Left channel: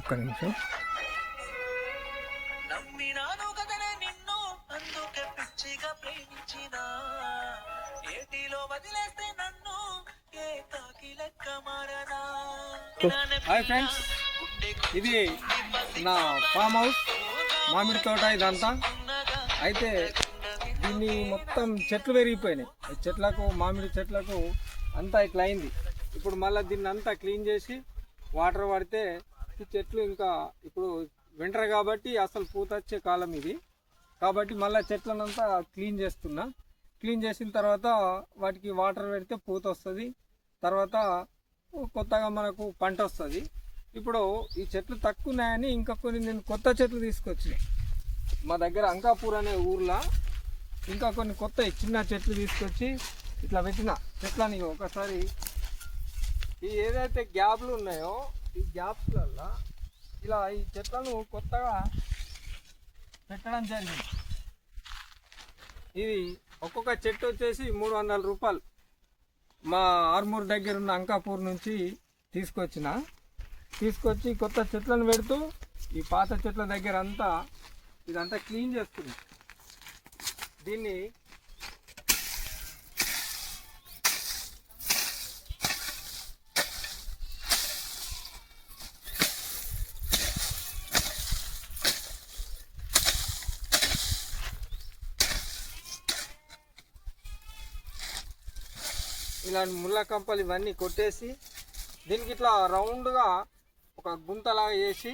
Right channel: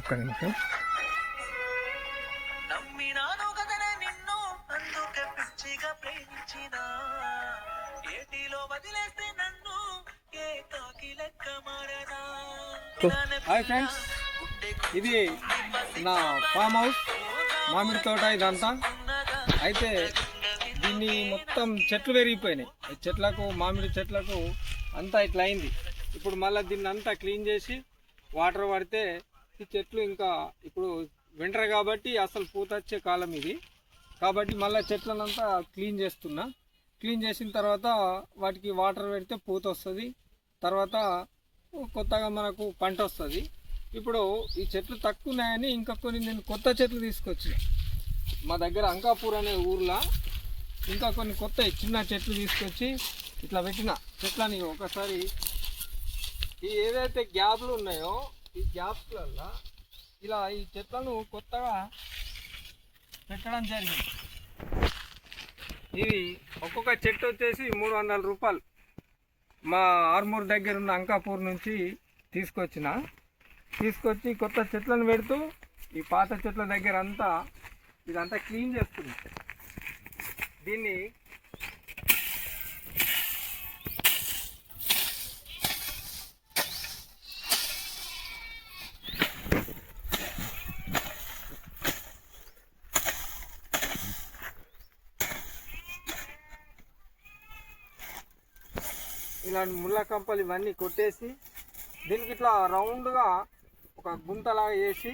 ఒక్క నిమిషం. Hi friends. ఇది నా ఫామ్ హౌస్ మామిడి తోట ఇదంతా. అయితే దీన్ని మొత్తం చెట్లు పెరిగిపోయినాయి. చెట్లకు మామిడి చెట్లకు అంతా ఇట్లా అయింది. ఇప్పుడు మళ్ళీ దీన్ని అంతా క్లీన్ చేసి వాటర్ పడితే ఈ చెట్లు ఇంకా ఇప్పుడు వింటర్ కాబట్టి అసలు పూత వచ్చే కాలం ఇది. కాబట్టి మళ్ళీ చెట్లనంతా క్లీన్ చేస్తున్నా. క్లీన్ చేసిన తర్వాత వాటికి వాటర్ పెడితే పూత వస్తుంది. తర్వాత కొత్తగా మనకు పంట వస్తుంది. ఇప్పుడు ఈ చెట్లు తక్కువ ఉన్నాయని ఇంకా కొన్ని నేను కొత్త చెట్లు తీసుకొచ్చిన. మా దగ్గర అంకాపూర్ అనే ఊర్లో ఇంకా కొన్ని కొత్త చిన్న చెట్లు తీసుకొచ్చి ఇట్లా పెట్టిన. చెట్లని ఒకసారి ఈ ఏదైతే గ్యాప్లు ఉన్నాయో ఈ గ్యాప్స్లల్లో ఇలా ఈ చెట్లను కొత్తగా పెట్టడం జరిగింది. ఇది ఒక్కొక్క చెట్టు వచ్చేసి మూడు వందల రూపాయలు. మా ఆర్మూర్ దగ్గర ఉన్న అంకాపూర్ నుంచి తీసుకొచ్చిన. తీసుకొచ్చి కొత్త చెట్లను పెడుతూ ఈ పాత చెట్ల దగ్గర అంతా ఇదంతా క్లీన్ చేస్తుంది దీన్ని ఇలాంటి ముళ్ళ కంపలు ఇవన్నీ కొట్టేసి దీనికి ఇట్లా రౌండ్గా ఒక గుంతలాగా వేసి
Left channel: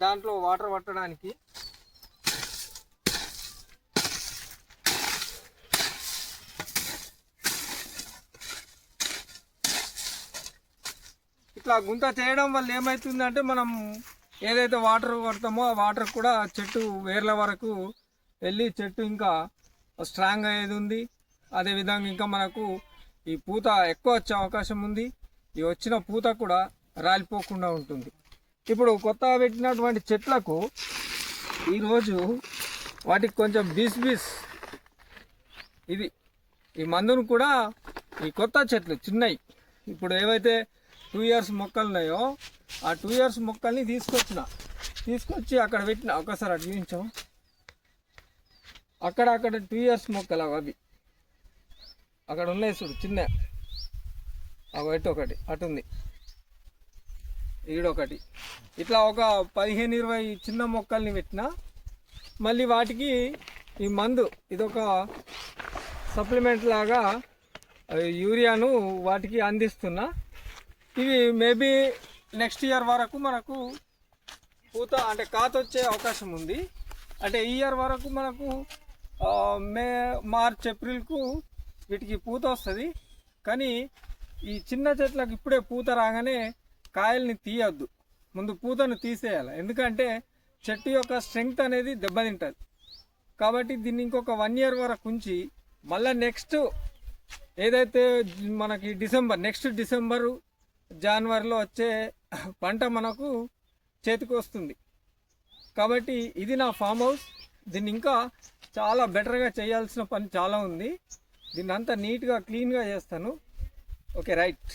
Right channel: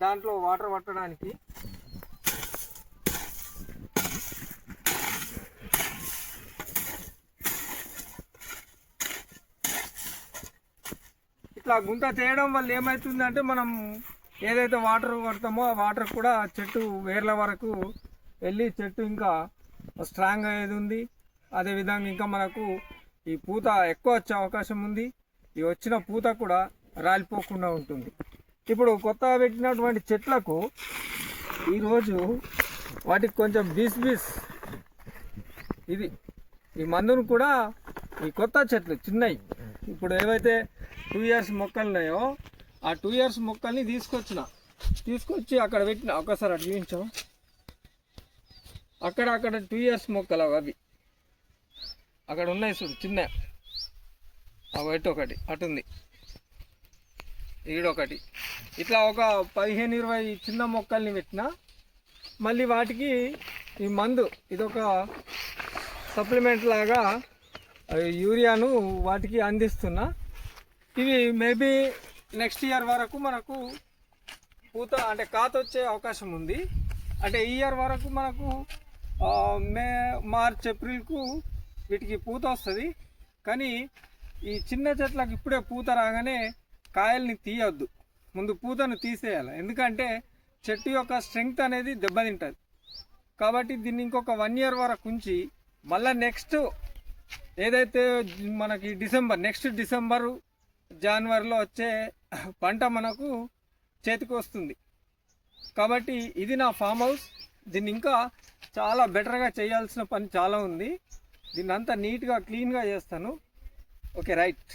దాంట్లో వాటర్ పట్టడానికి ఇట్లా గుంత చేయడం వల్ల ఏమవుతుందంటే మనం ఏదైతే వాటర్ కొడతామో ఆ వాటర్ కూడా చెట్టు వేర్ల వరకు వెళ్ళి చెట్టు ఇంకా స్ట్రాంగ్ అయ్యేది ఉంది. అదేవిధంగా ఇంకా మనకు ఈ పూత ఎక్కువ వచ్చే అవకాశం ఉంది. ఈ వచ్చిన పూత కూడా రాలిపోకుండా ఉంటుంది. ఇప్పుడు కొత్తగా పెట్టినటువంటి చెట్లకు ఈరోజు వాటికి కొంచెం బీస్ బీస్ ఇది ఈ మందును కూడా ఈ కొత్త చెట్లు చిన్నవి ఇప్పుడు ఏవైతే టూ ఇయర్స్ మొక్కలు ఉన్నాయో ఆ టూ ఇయర్స్ మొక్కల్ని తీసుకొచ్చిన. తీసుకొచ్చి అక్కడ పెట్టిన ఒకసారి అటు చూపించాం అక్కడ అక్కడ టూ ఇయర్స్ మొక్కలు అవి అవి. అక్కడ ఉన్నాయి చూడు చిన్న. ఆ వైట్ ఒకటి అటు ఉంది ఈడొకటి ఇట్లా ఒక పదిహేను ఇరవై చిన్న మొక్కల్ని పెట్టిన మళ్ళీ వాటికి ఈ మందు ఇదొక సప్లిమెంట్ లాగా యూరియాను వాటికి అందిస్తున్నా. ఇవి మేబీ నెక్స్ట్ ఇయర్ వరకు మనకు పూత అంటే కాత వచ్చే అవకాశం ఉంది. అంటే ఈ ఇయర్ వరకు మనకు మే మార్చ్ ఏప్రిల్కు వీటికి పూత వస్తుంది. కానీ ఈ చిన్న చెట్లకు ఇప్పుడే పూత రాగానే కాయల్ని తీయొద్దు. ముందు పూతను తీసేయాలి. ఎందుకంటే చెట్టు యొక్క స్ట్రెంగ్త్ అనేది దెబ్బతింటుంది. కాబట్టి దీన్ని ఇంకొక వన్ ఇయర్ వరకు ఉంచి మళ్ళీ నెక్స్ట్ ఏదైతే మనకి డిసెంబర్ నెక్స్ట్ డిసెంబరు జనవరిలో వచ్చే పంట మనకు చేతికి వస్తుంది. కాబట్టి ఇది నా ఫామ్ హౌస్. దీన్ని ఇంకా చాలా బెటర్గా చేయాల్సిన పని చాలా ఉంది. దీన్ని అంతా నీట్గా క్లీన్గా చేస్తాను. Okay right.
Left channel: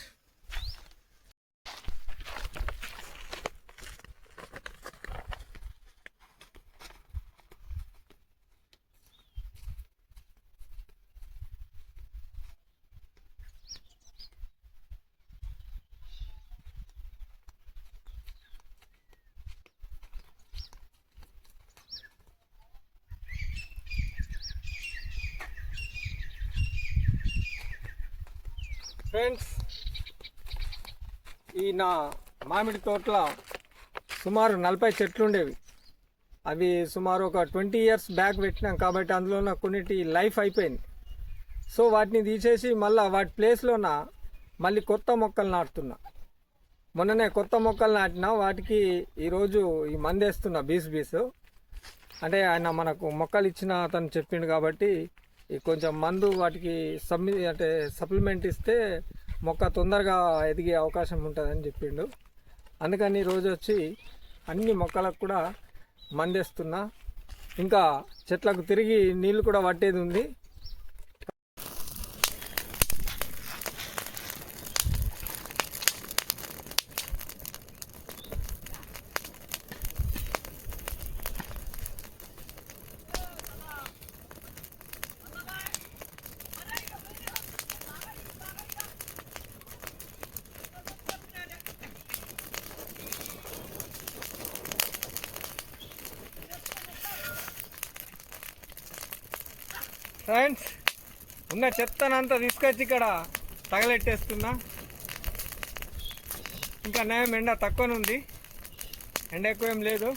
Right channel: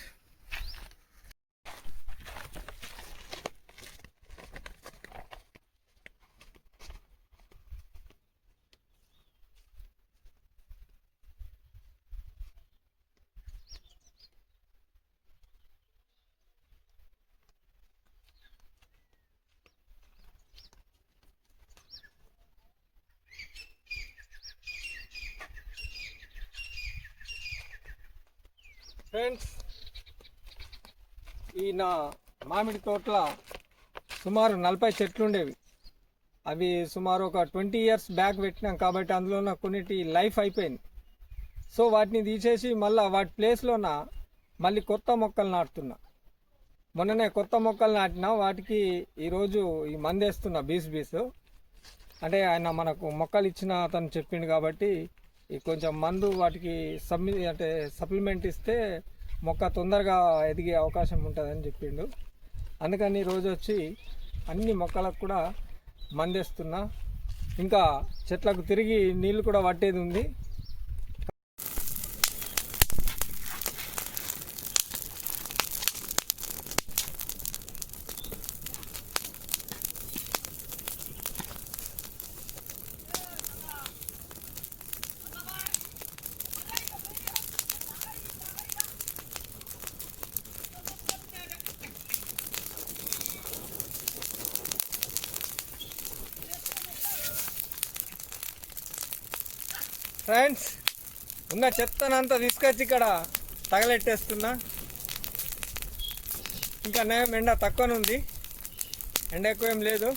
ఫ్రెండ్స్ ఈ నా మామిడి తోటల సుమారు నలభై చెట్లు ఉండేవి. అవి సుమారు ఒక ట్వంటీ ఇయర్స్ బ్యాక్ పెట్టినాం కాబట్టి అందులో ఉన్న కొన్నిటి లైఫ్ అయిపోయింది. సో వాటిని తీసేసి మళ్ళీ వాటి ప్లేస్లోన మళ్ళీ కొత్త మొక్కలు నాటుతున్నా. మొన్ననే కొత్త మొక్కలు నాటినా వాటికి ఈరోజు ఈ మందేస్తున్నా బీస్ బీస్. అంటే ఆయన మనకు మొక్కలు ఇచ్చిన అతను చెప్పిండు కాబట్టి కొంచెం మందు వాటికి సబ్మి అంటే సప్లిమెంట్ ఇస్తే మొక్క తొందరగా ఎదిగే అవకాశం ఉంటుందని చెప్పిండు. అందుకని రోజు వచ్చి అన్ని మొక్కలకు కూడా మందేస్తున్నా. ఇంకా చెట్లకు తిరిగి నీళ్ళు కూడా పట్టేది ఉంది. ఫ్రెండ్స్ ఉన్న చెత్తనంతా తీసుకొచ్చి ఇక్కడ తగలెట్టేస్తున్నా. ఇంకా నయం ఎండ తక్కువనే ఉంది ఎండ ఎక్కువ ఏం లేదు.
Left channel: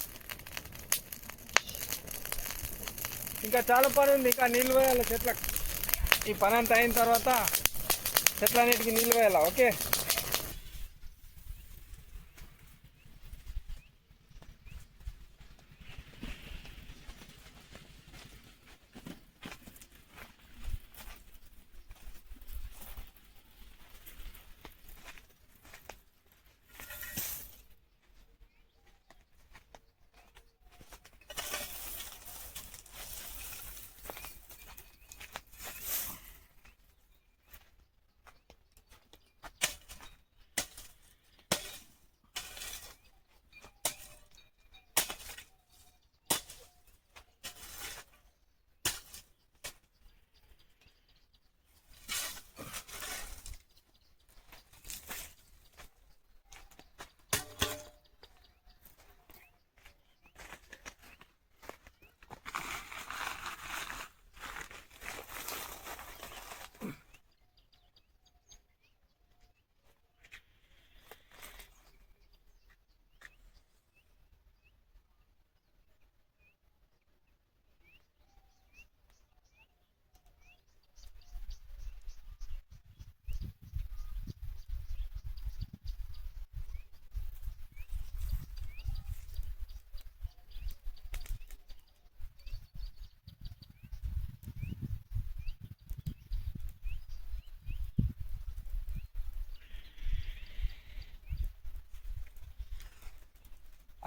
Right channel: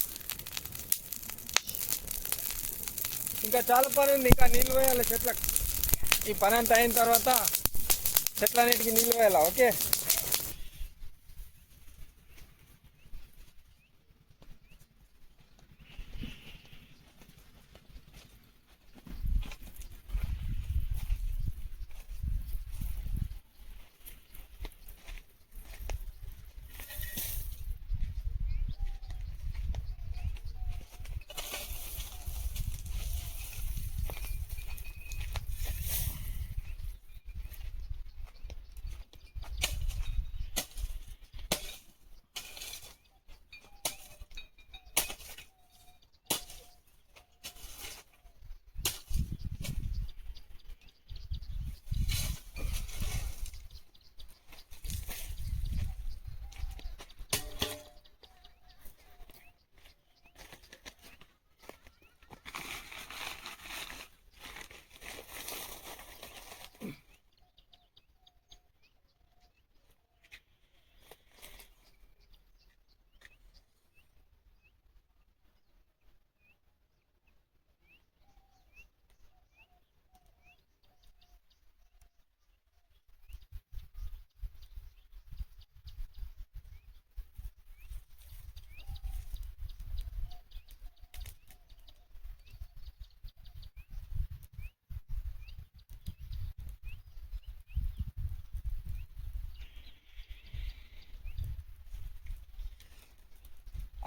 ఇంకా చాలా పని ఉంది. ఇంకా నీళ్ళు వేయాలి చెట్లకు ఈ పని అంతా అయిన తర్వాత చెట్లన్నిటికీ నీళ్ళు వేయాలా ఓకే.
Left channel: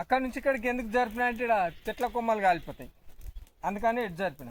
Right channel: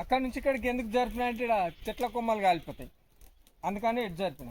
అక్కడ నుంచి ఇక్కడికి ఎందుకు జరిపినా అంటే ఈడ చెట్ల కొమ్మలు కాలిపోతాయి. అందుకని ఇటు జరిపిన.